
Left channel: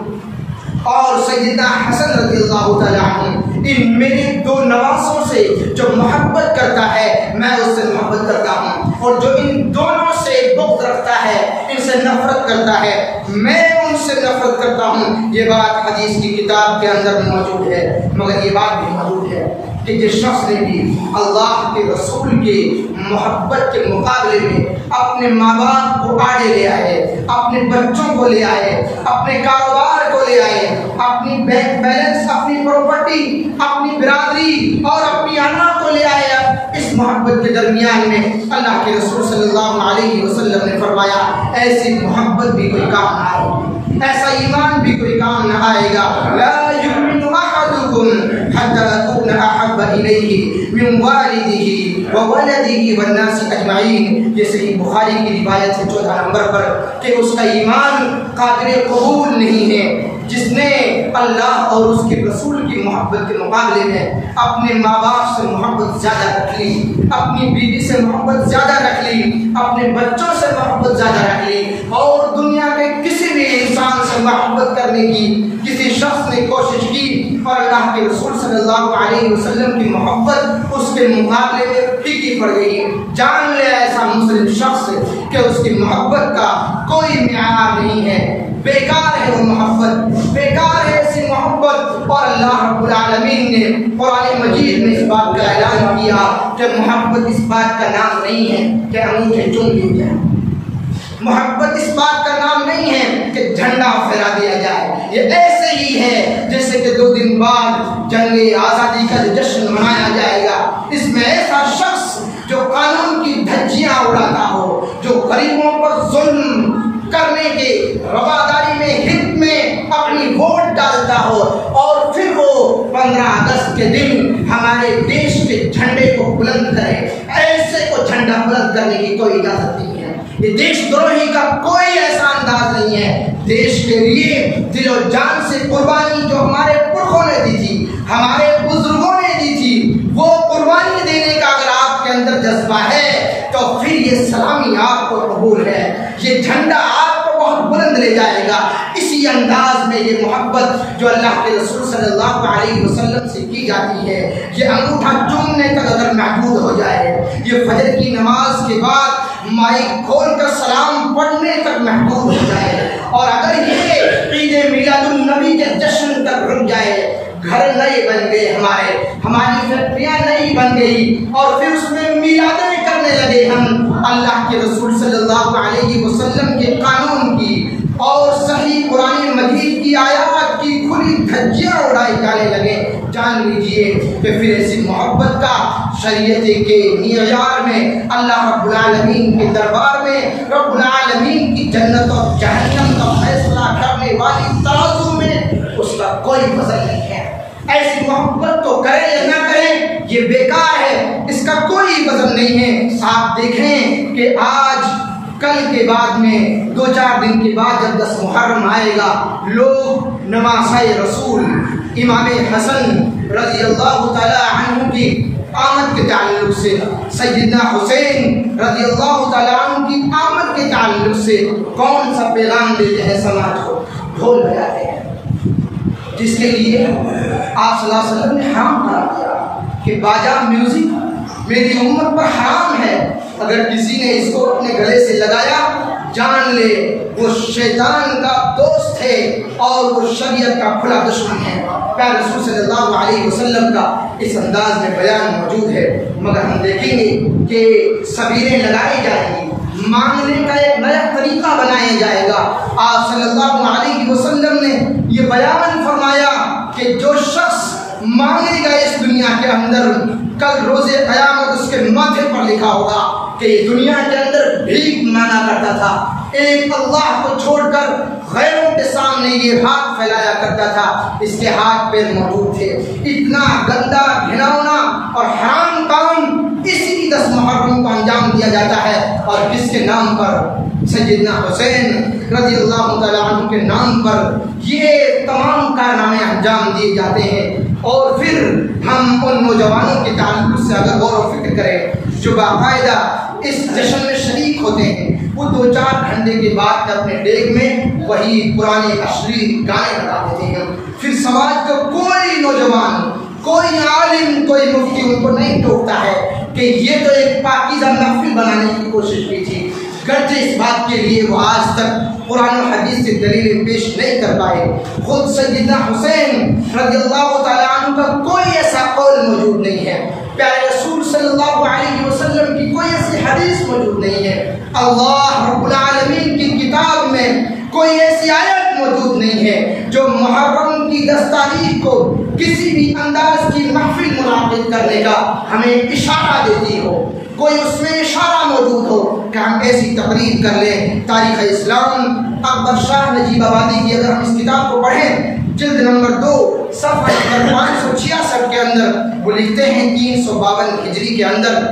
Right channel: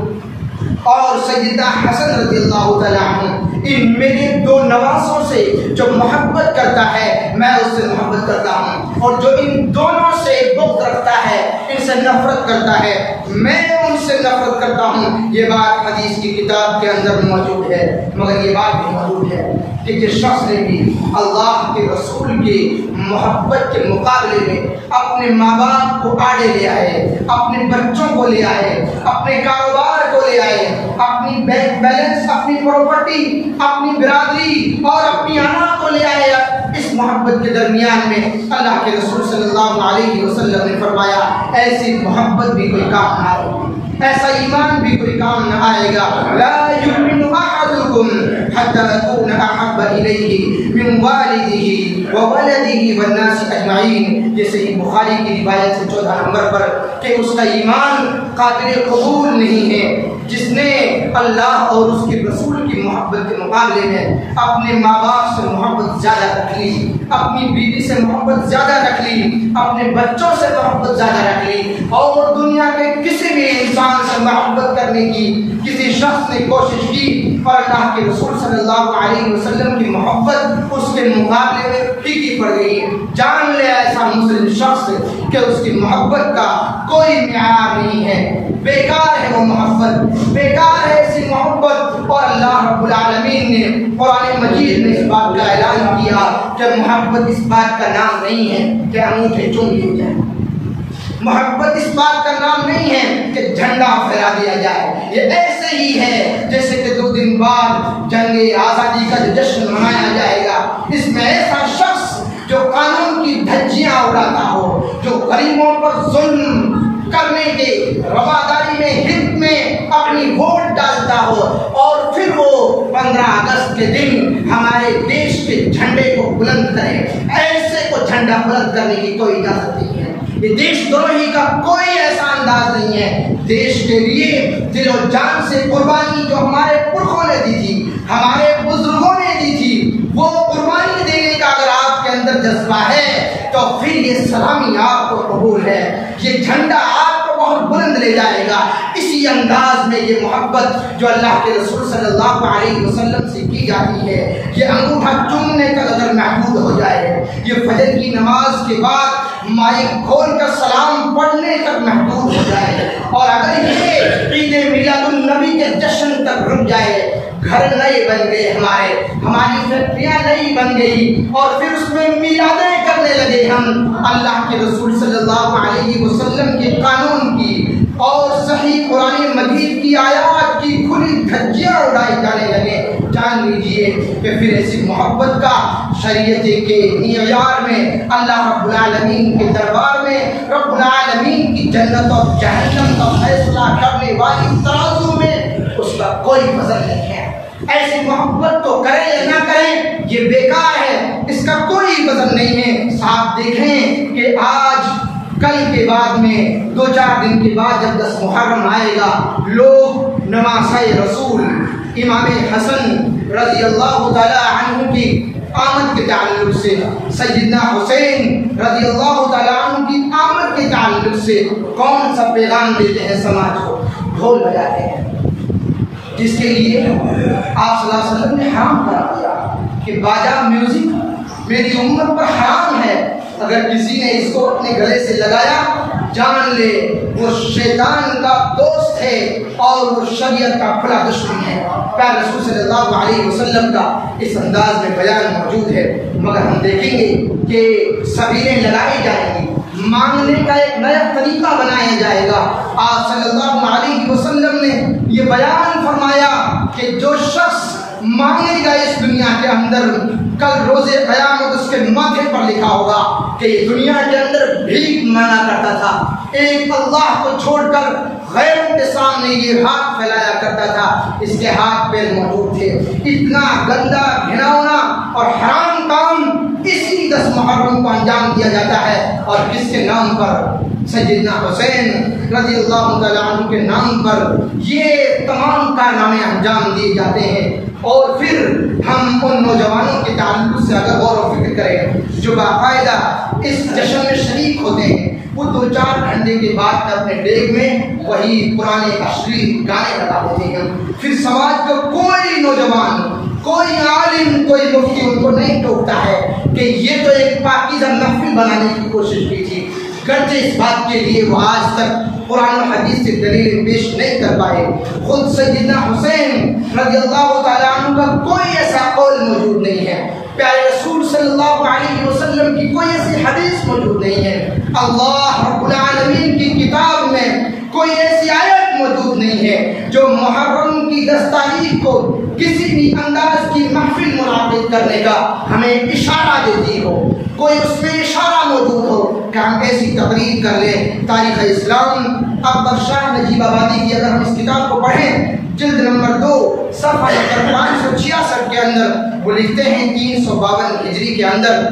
اور سیدنا حسن رضی اللہ تعالیٰ عنہ۔ ان میرے دو نواسوں سے جو محبت کرتا ہے میں اس سے محبت کرتا ہوں، اور جو ان دونوں سے بغض رکھتا ہے، ان سے نفرت کرتا ہے، میں ان سے نفرت کرتا ہوں۔ یہ بات حدیث کی کتاب کے اندر موجود ہے، مگر یہ بات بھی موجود ہے کہ جس شخص نے بھی اللہ کے رسول کی محبت کے مقابلے میں اپنے ماں باپ کو آڑے لے آئے، اپنے بچوں کو لے آئے، اپنے کاروبار کو لے آئے، اپنی بینک بیلنس، اپنی پراپرٹی، اپنی برادری اور اپنی انا کو لے آیا، اس محبت کے درمیان میں اللہ کے رسول صلی اللہ علیہ وسلم نے فرمایا ایسی محبت بھی کوئی کام نہ آئے گی، ایسا ایمان بھی کوئی کام نہ آئے گا۔ لا یؤمن احدکم حتی اکون احب الیہ من والدہ وولدہ والناس اجمعین۔ یہ صحیح بخاری کی روایت ہے 14 نمبر پر کہ اس کا ایمان قابل قبول نہیں ہے جس نے اللہ اور اس کے رسول کی محبت کے مقابلے میں اپنے ماں باپ سے محبت زیادہ رکھ لی، اپنی بیوی سے محبت زیادہ رکھ لی، اپنے بچوں سے محبت زیادہ رکھ لی، اور دنیا کے کسی بھی انسان سے محبت کرنے کی کسی شخص نے کوشش کی اور اللہ کے رسول صلی اللہ علیہ وسلم کی محبت اس کے مقابلے میں پھیکی پڑ گئی، جان لے ایسا مسلم شخص کہ اس کی محبت کا کوئی معیار نہیں ہے، بیکار ہے وہ محبت، بیکار ہے ایسی محبت۔ اور اللہ رب العالمین نے قرآن مجید میں اس بات کا اعلان کیا کہ محبت اس بات کا نام نہیں ہے کہ انگوٹھے چوم لیے جائیں، محبت اس بات کا نام نہیں ہے کہ جھنڈا پھیلا دیا جائے، یہ ایسے ہی ہے جیسے کہ 2 دن بعد جنگ آزادی کا جو جشن منایا جائے گا، اس میں ایسا شخص جو قانون کی دھجیاں اڑاتا ہو، جو غریبوں پر ظلم کرنے کے رواداری میں ہت میں اپنی ووٹ ڈالتا ہو، اور پھر وہ 15 اگست کے دن ہمارے دیش کے جھنڈے کو بلند کرے، ایسے کو جھنڈا بلند کرنے کی کوئی اجازت نہیں ہے۔ یہ دیش دروہی کا کوئی ایسا انداز نہیں ہے۔ دیش کے لیے دل و جان سے قربانی جو ہمارے پرخوں نے دی تھی، ہمارے بزرگوں نے دی تھی، وہ قربانی دینے کا اگر آپ کے اندر جذبہ ہے تو پھر یہ سلامی آپ کو قبول ہے، یہ جھنڈا آپ کو بہت بلند لے جائے گا۔ اسی انداز میں یہ محبت جو اللہ کے رسول صلی اللہ علیہ وسلم سے کی جاتی ہے، یہ انگوٹھا چومنے تک اگر محدود ہو جائے، یہ فجر کی نماز کے بعد مائک کھول کر سلام پڑھنے تک محدود ہو جائے، اور اگر یہ عید میلاد النبی کے جشن تک رک جائے، گھر نئے بن گئے ہماری فیکٹریاں نئی بن گئی، اور پھر اس میں میلادیں کرنے لگے ہم اللہ کے رسول صلی اللہ علیہ وسلم کے قانون کی اور صحیح قرآن مجید کی آیات کی کھلی دھجیاں اڑائی جانے لگے، جان لیجئے کہ پھر ایسی محبت کا شریعت کے معیار میں، اللہ رب العالمین کے دربار میں، رب العالمین کی جنت اور جہنم کا فیصلہ کرنے والی ترازو میں اس کا کوئی وزن نہیں ہے۔ ایسی محبت تو کریں یا نہ کریں یہ بیکار ہے، اس کا کوئی وزن نہیں ہے۔ آپ دیکھیں کہ آج کل کے بعد میں 2-4 دن کے بعد جب 10 محرم آئے گا، لوگ نواسۂ رسول امام حسن رضی اللہ تعالی عنہ کی آمد کے تعلق سے، سیدنا حسین رضی اللہ تعالی عنہ کی آمد کے تعلق سے کون سا پیغام دیتے ہیں سماج کو؟ ڈھول بجاتے ہیں، جس کے لیے آپ صلی اللہ علیہ وسلم نے حرام قرار دیا کہ باجا میوزک میری امت پر حرام ہے، اگر کسی نے اس کو اپنے گلے سے لگایا جان لے وہ شیطان کا دوست ہے اور وہ شریعت کا کھلا دشمن ہے۔ پیارے رسول صلی اللہ علیہ وسلم کا اس انداز میں بیان موجود ہے، مگر ہم دیکھیں گے کہ سبیلیں لگائی جائیں گی، مانگنے کا ایک نیا طریقہ بنایا جائے گا۔ آپ صلی اللہ علیہ وسلم نے یہ بیان فرمایا کہ جو شخص مانگے گا اس دنیا کے اندر، کل روز قیامت اس کے ماتھے پر لکھا ہوگا کہ یہ دنیا کے اندر بھیک مانگا کرتا تھا، ایک اللہ کو چھوڑ کر غیروں کے سامنے یہ ہاتھ پھیلایا کرتا تھا، اس کے ہاتھ پیر موجود تھے۔ اتنا گندا گھناؤنا اور حرام کام اسی 10 محرم کو انجام دیا جاتا ہے، اور کس کے نام پر؟ سیدنا حسین رضی اللہ تعالیٰ عنہ کے نام پر یہ تمام کارنامے انجام دیے جاتے ہیں۔ اور پھر ہم ان نوجوانوں کے تعلق سے اگر غور و فکر کریں جو باقاعدہ اس جشن میں شریک ہوتے ہیں، وہ 2-4 گھنٹے کے بعد اپنے ڈیگ میں وہی پرانے اشلیل گانے لگا دیتے ہیں، پھر سماج کا کوئی نوجوان، کوئی عالم، کوئی مفتی ان کو نہیں ٹوکتا ہے کہ یہ تو ایک پاکیزہ محفل بنانے کی کوشش کی تھی، گرچہ اس بات کے لیے وہ آج تک قرآن و حدیث سے دلیلیں پیش نہیں کر پائے۔ خود سیدنا حسین رضی اللہ تعالیٰ عنہ کا کوئی ایسا قول موجود نہیں ہے، پیارے رسول صلی اللہ علیہ وسلم کی کوئی ایسی حدیث موجود نہیں ہے، اللہ رب العالمین کی کتاب میں کوئی ایسی آیت موجود نہیں ہے جو محرم کی 10 تاریخ کو کسی بھی انداز کی محفل منعقد کرنے کا ہمیں اشارہ دیتی ہو، کوئی اس میں اشارہ موجود ہو کہ ہم ایسی تقریر کر لیں۔ تاریخ اسلام اکبر شاہ نجیب آبادی کی اگر ہم اس کتاب کو پڑھیں، جلد نمبر 2 صفحہ نمبر 566 کے اندر وہ لکھتے ہیں 352 ہجری کے اندر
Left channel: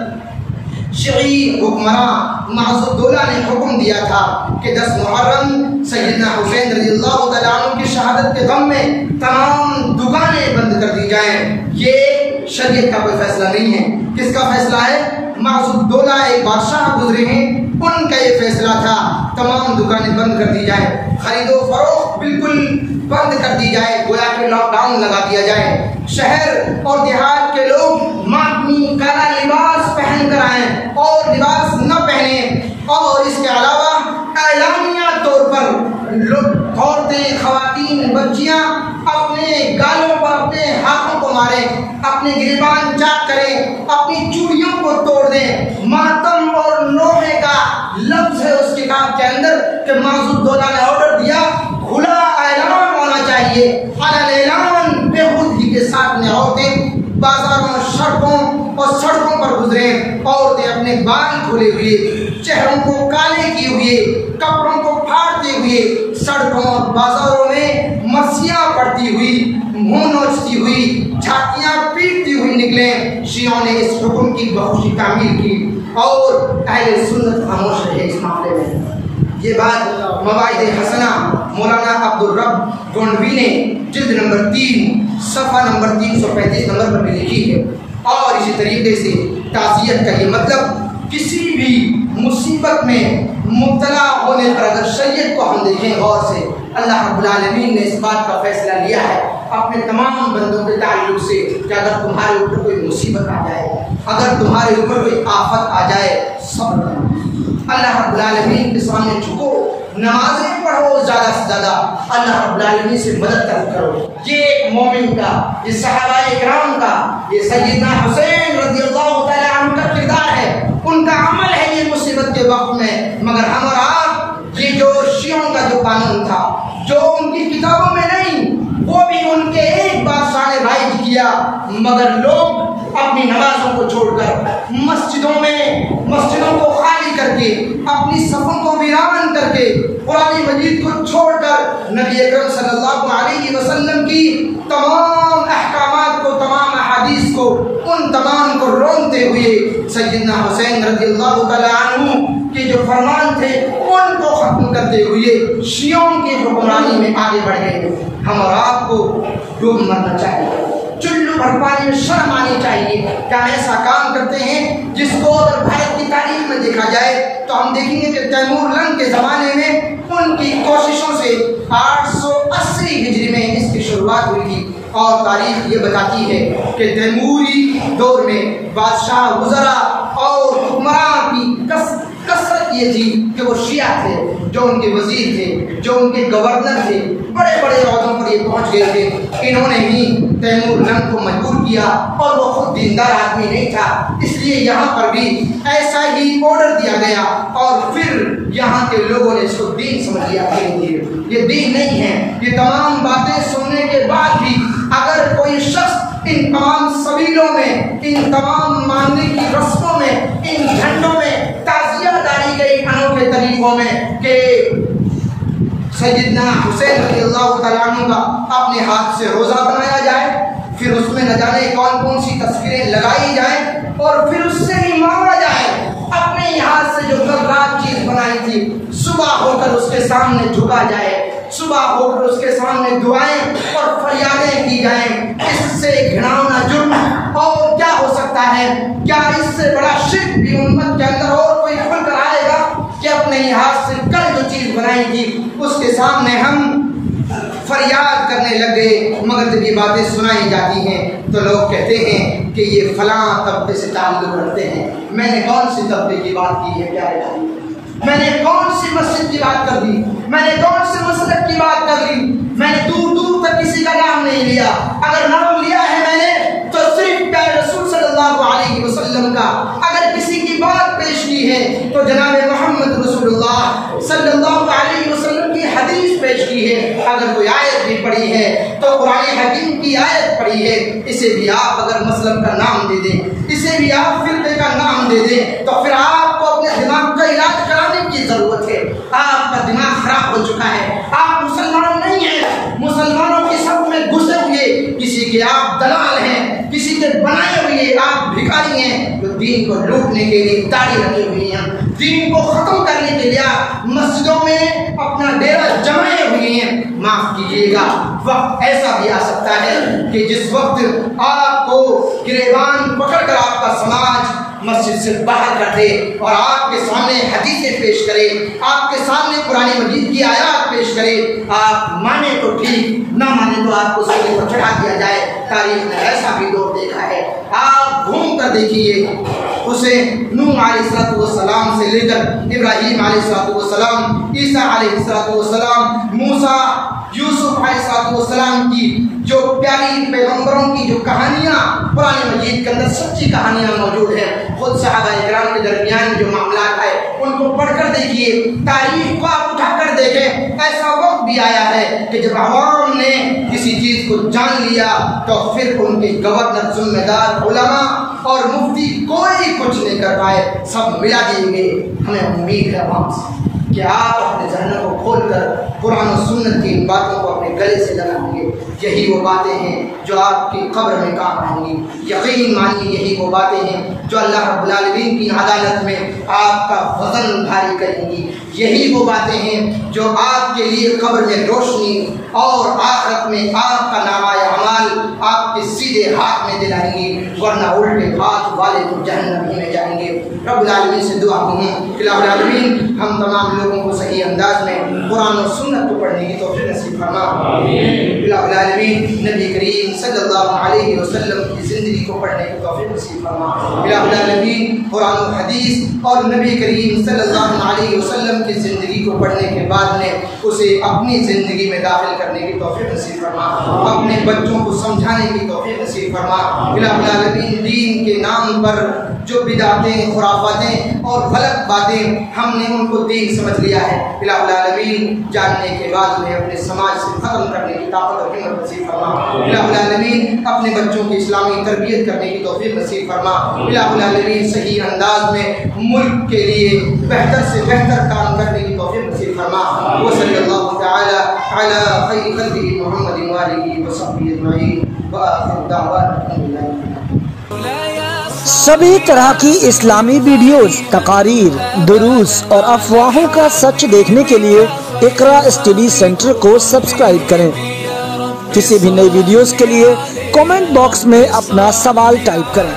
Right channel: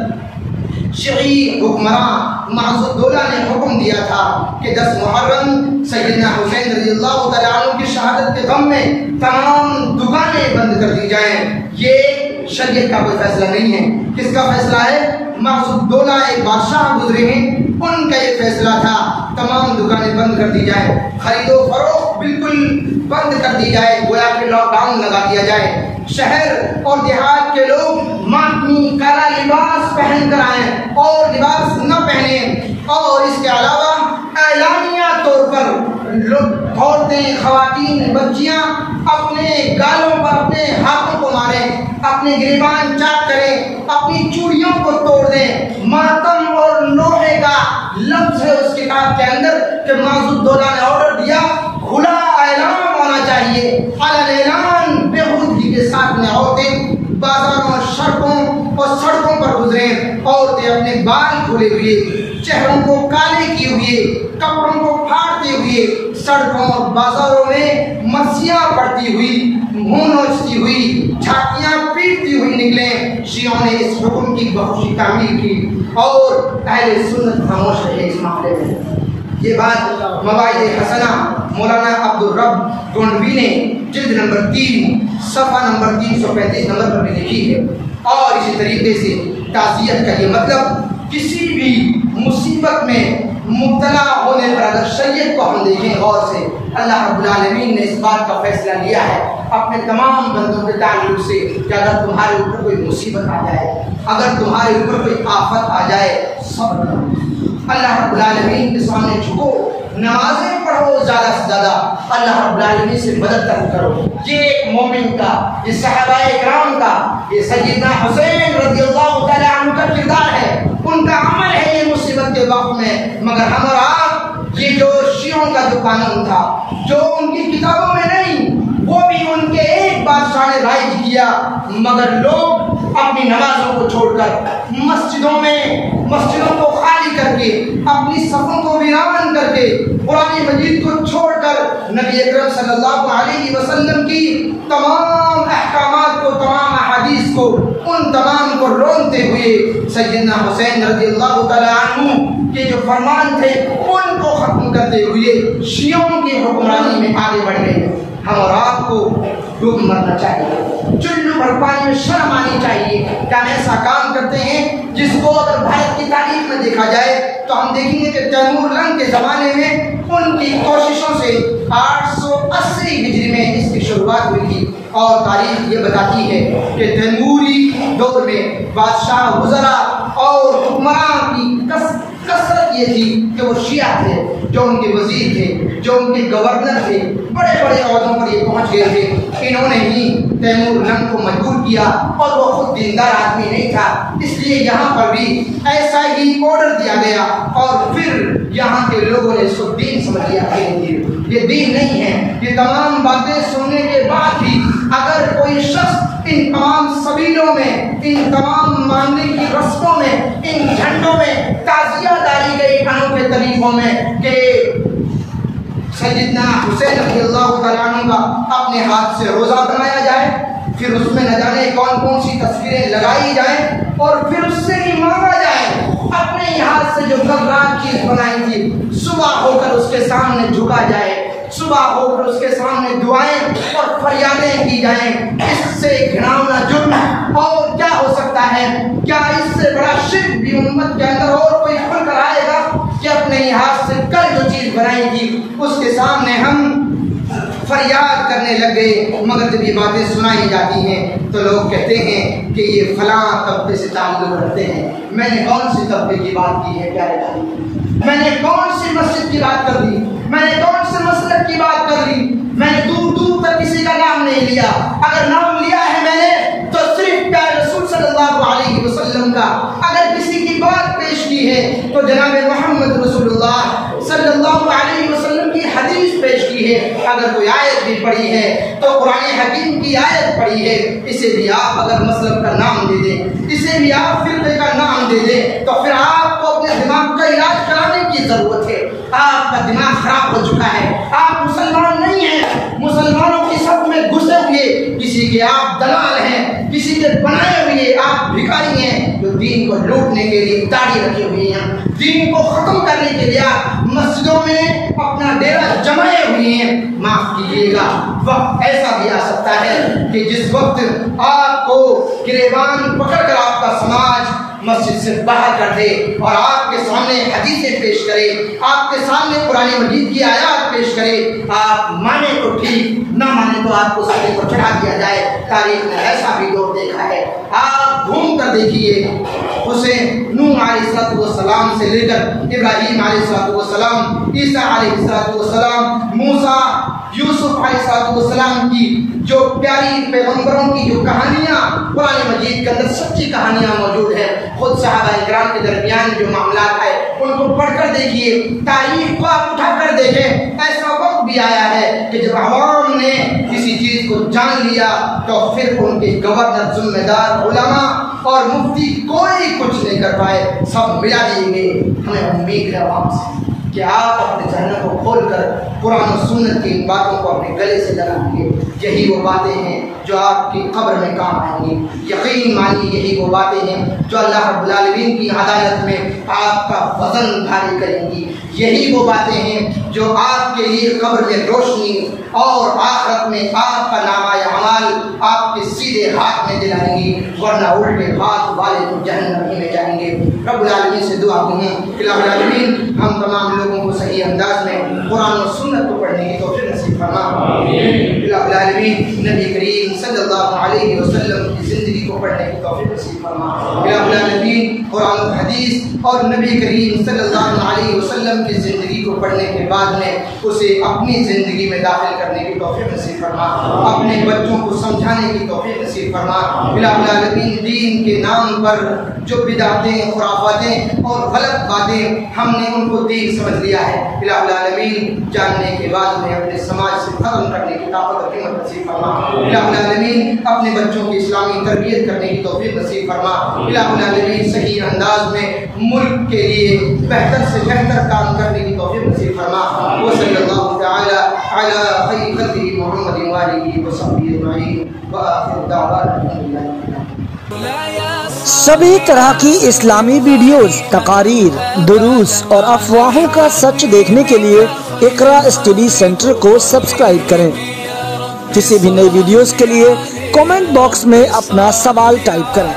شیعی حکمراں معز الدولہ نے حکم دیا تھا کہ 10 محرم سیدنا حسین رضی اللہ تعالیٰ عنہ کی شہادت کے غم میں تمام دکانیں بند کر دی جائیں۔ یہ شریعت کا کوئی فیصلہ نہیں ہے۔ کس کا فیصلہ ہے؟ معز الدولہ ایک بادشاہ گزرے ہیں، ان کا یہ فیصلہ تھا تمام دکانیں بند کر دی جائیں، خرید و فروخت بالکل بند کر دی جائے، گویا کہ لاک ڈاؤن لگا دیا جائے۔ شہر اور دیہات کے لوگ ماتمی کالا لباس پہن کر آئیں اور لباس نہ پہنیں، اور اس کے علاوہ اعلانیہ طور پر لوگ عورتیں، خواتین، بچیاں اپنے گالوں پر اپنے ہاتھوں کو ماریں، اپنے گریبان چاک کریں، اپنی چوڑیوں کو توڑ دیں۔ ماتم اور نوحے کا لفظ ہے اس کتاب کے اندر کہ معز الدولہ نے آرڈر دیا کھلا اعلان ہونا چاہیے، علن اعلان بےخودگی کے ساتھ میں عورتیں بازاروں، سڑکوں پر گزریں، عورتیں اپنے بال کھلے ہوئے، چہروں کو کالے کیے ہوئے، کپڑوں کو پھاڑتے ہوئے سڑکوں اور بازاروں میں مسیاں پڑتی ہوئی، منہ نوچتی ہوئی، جھاکیاں پیٹتی ہوئی نکلیں۔ شیعوں نے اس حکم کی بخوشی تعمیل کی اور اہل سنت خاموش رہے اس معاملے میں۔ یہ بات مواعظ حسنہ مولانا عبد الرب گونڈوی نے جلد نمبر 3 صفحہ نمبر 335 نمبر پر بھی لکھی ہے۔ اور اسی طریقے سے تعزیت کا یہ مطلب کسی بھی مصیبت میں مبتلا ہونے پر اگر شریعت کو ہم دیکھیں غور سے، اللہ رب العالمین نے اس بات کا فیصلہ لیا ہے اپنے تمام بندوں کے تعلق سے کہ اگر تمہارے اوپر کوئی مصیبت آ جائے، اگر تمہارے اوپر کوئی آفت آ جائے، صبر کرو، اللہ رب العالمین کے سامنے جھکو، نمازیں پڑھو، زیادہ سے زیادہ اللہ رب العالمین سے مدد طلب کرو۔ یہ ایک مومن کا، یہ صحابہ اکرام کا، یہ سیدنا حسین رضی اللہ تعالیٰ عنہ کا کردار ہے، ان کا عمل ہے یہ مصیبت کے وقت میں۔ مگر ہم اور آپ، یہ جو شیعوں کا جو قانون تھا، جو ان کی کتابوں میں نہیں، وہ بھی ان کے ایک بادشاہ نے رائج کیا، مگر لوگ اپنی نمازوں کو چھوڑ کر مسجدوں کو خالی کر کے، اپنی صفوں کو ویران کر کے، قرآن مجید کو چھوڑ کر نبی اکرم صلی اللہ علیہ وسلم کی تمام احکامات کو، تمام احادیث کو، ان تمام کو رونتے ہوئے سیدنا حسین رضی اللہ تعالیٰ عنہ کے جو فرمان تھے ان کو ختم کرتے ہوئے شیعوں کی حکمرانی میں آگے بڑھ گئے۔ ہم اور آپ کو ڈوب مرنا چاہیے، چلو بھر پانی میں شرم آنی چاہیے کہ ہم ایسا کام کرتے ہیں جس کو اگر بھارت کی تاریخ میں دیکھا جائے تو ہم دیکھیں گے کہ تیمور لنگ کے زمانے میں ان کی کوششوں سے 880 ہجری میں اس کی شروعات ہوئی تھی، اور تاریخ یہ بتاتی ہے کہ تیموری دور میں بادشاہ، وزراء اور حکمراں کی کثرت یہ تھی کہ وہ شیعہ تھے، جو ان کے وزیر تھے، جو ان کے گورنر تھے، بڑے بڑے عہدوں پر یہ پہنچ گئے تھے۔ انہوں نے ہی تیمور لنگ کو مجبور کیا، اور وہ خود دیندار آدمی نہیں تھا، اس لیے یہاں پر بھی ایسا ہی آرڈر دیا گیا، اور پھر یہاں کے لوگوں نے اس کو دین سمجھ لیا کہ یہ دین نہیں ہے۔ یہ تمام باتیں سننے کے بعد بھی اگر کوئی شخص ان تمام سبیلوں میں، ان تمام ماننے کی رسموں میں، ان جھنڈوں میں، تعزیہ داری کے انوکھے طریقوں میں کہ سیدنا حسین رضی اللہ تعالیٰ عنہ کا اپنے ہاتھ سے روزہ بنایا جائے، پھر اس میں نہ جانے کون سی تصویریں لگائی جائیں، اور پھر اس سے ہی مانگا جائے اپنے ہاتھ سے جو کل رات چیز بنائی تھی، صبح ہو کر اس کے سامنے جھکا جائے، صبح ہو کر اس کے سامنے دعائیں اور فریادیں کی جائیں۔ اس سے گھناؤنا جرم اور کیا ہو سکتا ہے؟ کیا اس سے بڑا شرک بھی امت کے اندر اور کوئی کھل کر آئے گا کہ اپنے ہی ہاتھ سے کل جو چیز بنائی تھی اس کے سامنے ہم فریاد کرنے لگ گئے؟ مگر جب یہ باتیں سنائی جاتی ہیں تو لوگ کہتے ہیں کہ یہ فلاں طبقے سے تعلق رکھتے ہیں۔ میں نے کون سی طبقے کی بات کی ہے؟ کیا ہے؟ میں نے کون سی مسجد کی بات کر دی؟ میں نے کون سے مسلک کی بات کر دی؟ میں نے دور دور تک کسی کا نام نہیں لیا، اگر نام لیا ہے میں نے تو صرف پیارے رسول صلی اللہ علیہ وسلم کا، اگر کسی کی بات پیش کی ہے تو جناب محمد رسول اللہ صلی اللہ علیہ وسلم کی حدیث پیش کی ہے، اگر کوئی آیت بھی پڑھی ہے تو قرآن حکیم کی آیت پڑھی ہے، اسے بھی آپ اگر مسلم کا نام دے دیں، اسے بھی آپ فرقے کا نام دے دیں، تو پھر آپ کو اپنے دماغ کا علاج کرانے کی ضرورت ہے۔ آپ کا دماغ خراب ہو چکا ہے، آپ مسلمان نہیں ہیں، مسلمانوں کی صف میں گھسے ہوئے کسی کے آپ دلال ہیں، کسی کے بنائے ہوئے آپ بھکاری ہیں جو دین کو لوٹنے کے لیے داڑھی رکھے ہوئے ہیں، دین کو ختم کرنے کے لیے آپ مسجدوں میں اپنا ڈیرا جمائے ہوئے ہیں، معاف کیجیے گا وقت ایسا بھی آ سکتا ہے کہ جس وقت آپ کو گریبان پکڑ کر آپ کا سماج مسجد سے باہر کر دے اور آپ کے سامنے حدیثیں پیش کرے، آپ کے سامنے قرآن مجید کی آیات پیش کرے، آپ مانے تو ٹھیک، نہ مانے تو آپ کو سامنے پر چڑھا دیا جائے۔ تاریخ نے ایسا بھی دور دیکھا ہے، آپ گھوم کر دیکھیے اسے نوح علیہ السلام سے لے کر ابراہیم علیہ السلام، عیسیٰ علیہ السلام، موسیٰ، یوسف علیہ السلام کی جو پیاری پیغمبروں کی جو کہانیاں قرآن مجید کے اندر سچی کہانیاں موجود ہیں، خود صحابہ کرام کے درمیان جو معاملات ہے ان کو پڑھ کر دیکھیے، تاریخ کو آپ اٹھا کر دیکھیں۔ ایسا وقت بھی آیا ہے کہ جب عوام نے کسی چیز کو جان لیا تو پھر ان کے گورنر، ذمہ دار، علماء اور مفتی کوئی کچھ نہیں کر پائے، سب ملا دیں گے۔ ہمیں امید ہے عوام سے کہ آپ اپنے ذہنوں کو کھول کر قرآن و سنت کی ان باتوں کو اپنے گلے سے لگائیں گے۔ یہی وہ باتیں ہیں جو آپ کی قبر میں کام آئیں گی، یقین مانیے یہی وہ باتیں ہیں جو اللہ رب العالمین کی عدالت میں آپ کا وزن بھاری کریں گی، یہی وہ باتیں ہیں جو آپ کے لیے قبر میں روشنی اور آخرت میں آپ کا نامہ اعمال آپ کے سیدھے ہاتھ میں دلائیں گی، ورنہ الٹے ہاتھ والے تو جہنم ہی میں جائیں گے۔ رب العالمین سے دعا ہوں کہ رب العالمین ہم تمام لوگوں کو صحیح انداز میں قرآن و سنت کو پڑھنے کی توفیق نصیب فرما۔ رب العالمین نبی کریم صلی اللہ علیہ وسلم کی زندگی کو پڑھنے کی توفیق نصیب فرما۔ رب العالمین قرآن و حدیث اور نبی کریم صلی اللہ علیہ وسلم کی زندگی کو پڑھنے کے بعد میں اسے اپنی زندگی میں داخل کرنے کی توفیق نصیب فرما، اپنے بچوں کو سمجھانے کی توفیق نصیب فرما۔ رب العالمین دین کے نام پر جو بدعتیں، خرافاتیں اور غلط باتیں ہم نے ان کو دین سمجھ لیا ہے، الہ العالمین جاننے کے بعد میں اپنے سماج سے ختم کرنے کی طاقت اور ہمت نصیب فرما۔ الہ العالمین اپنے بچوں کی اسلامی تربیت کرنے کی توفیق نصیب فرما۔ الہ العالمین صحیح انداز میں ملک کے لیے بہتر سے بہتر کام کرنے کی توفیق نصیب فرما۔ وصلی اللہ تعالی علی خیر خلقہ محمد وآلہ وصحبہ اجمعین وآخر دعوانا الحمدللہ۔ سبھی طرح کی اسلامی ویڈیوز، تقاریر، دروس اور افواہوں کا سچ دیکھنے کے لیے اقرا اسٹڈی سینٹر کو سبسکرائب کریں۔ کسی بھی نئی ویڈیوز کے لیے کامنٹ باکس میں اپنا سوال ٹائپ کریں۔